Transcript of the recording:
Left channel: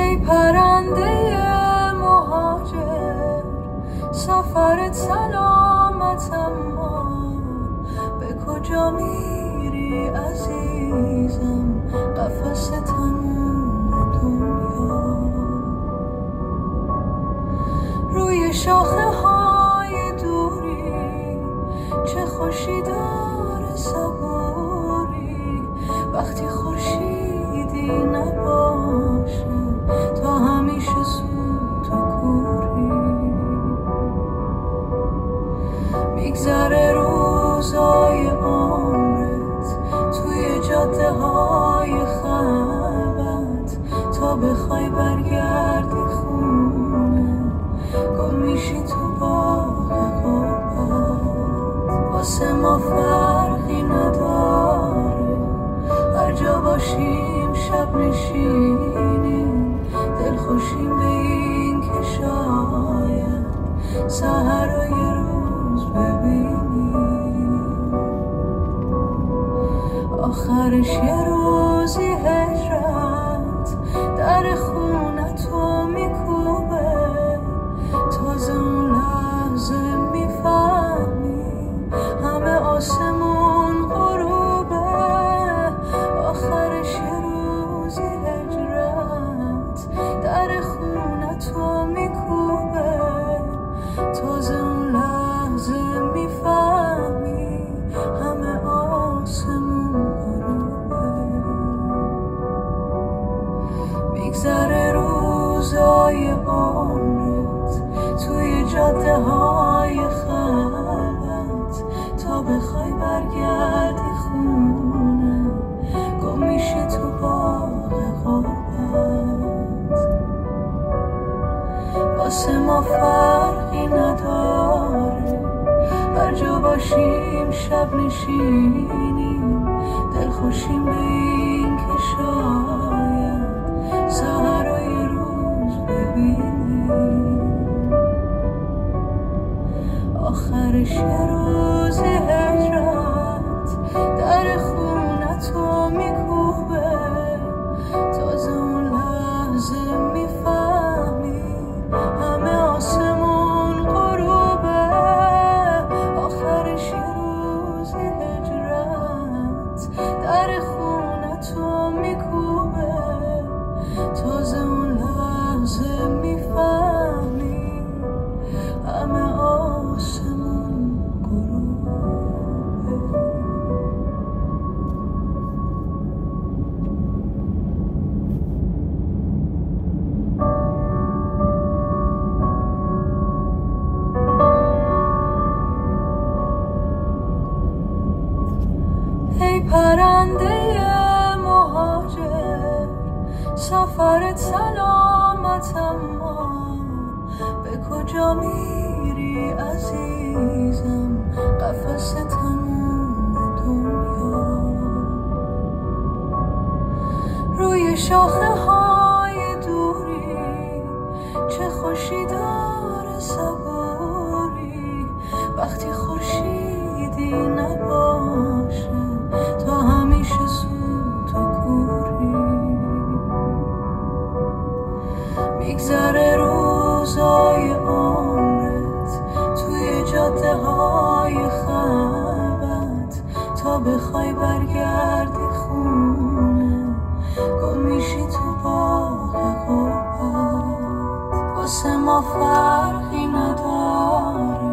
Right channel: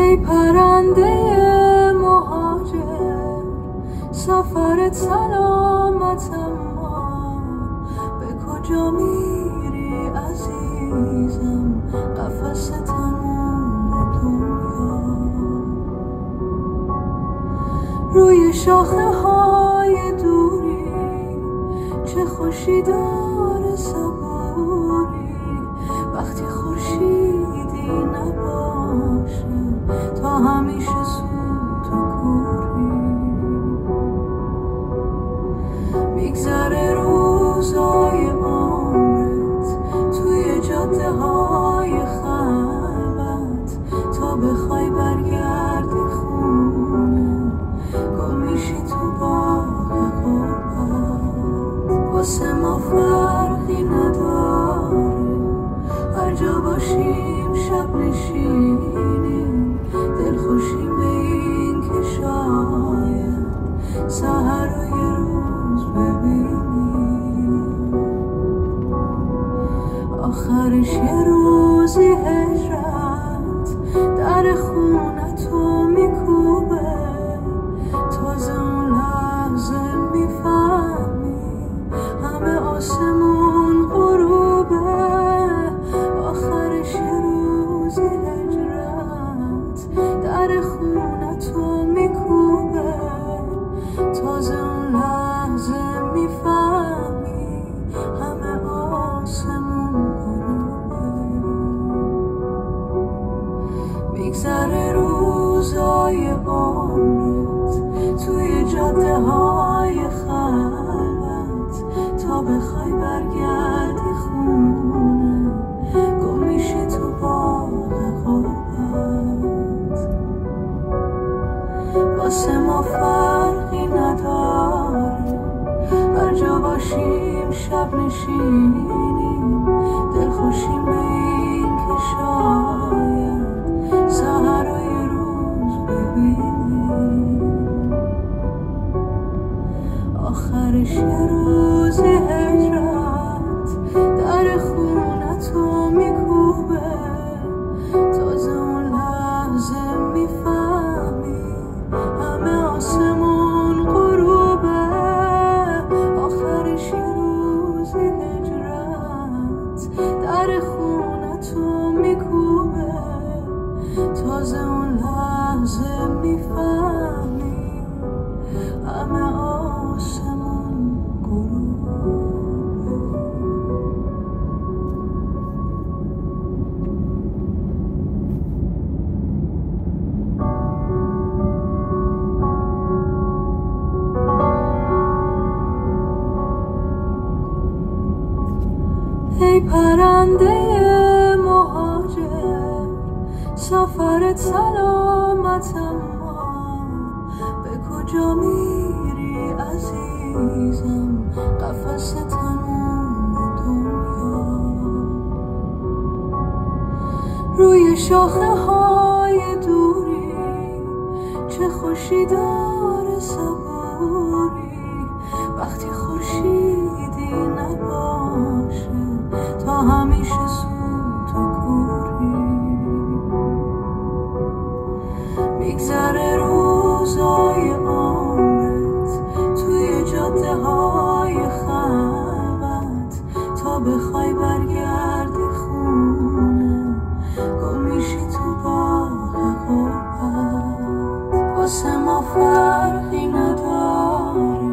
ای پرنده مهاجر، سفرت سلامت اما به کجا میری عزیزم؟ قفس تموم دنیا روی شاخه های دوری، چه خوشی داره صبوری وقتی خورشیدی نباشه، تا همیشه سوت و کوری. میگذره روزای عمرت توی جاده های خلوت، تا بخوای برگردی خونه گم میشی تو باغ غربت. واسه ما فرقی نداره هر جا باشیم، شب نشینیم دلخوشیم به این که شاید سحرای روز ببینیم. آخرش یه روزی هجرت در خونه تو میکوبه، تازه اون لحظه میفهمی همه آسمون غروبه. آخرش یه روزی هجرت در خونه تو میکوبه، تازه اون لحظه میفهمی همه آسمون غروبه. میگذره روزای عمرت توی جاده های خلوت، تا بخوای برگردی خونه گم میشی تو باغ غربت. واسه ما فرقی نداره هر جا باشیم، شب نشینیم دلخوشیم به این که شاید سحرای روز ببینیم. آخرش یه روزی هجرت در خونه تو میکوبه، تازه اون لحظه میفهمی همه آسمون غروبه. آخرش یه روزی هجرت در خونه تو میکوبه، تازه اون لحظه میفهمی همه آسمون غروبه. ای پرنده مهاجر، سفرت سلامت اما به کجا میری عزیزم؟ قفس تموم دنیا روی شاخه های دوری، چه خوشی داره صبوری وقتی خورشیدی نباشه، تا همیشه سوت و کوری. میگذره روزای عمرت توی جاده های خلوت، تا بخوای برگردی خونه گم میشی تو باغ غربت. واسه ما فرقی نداره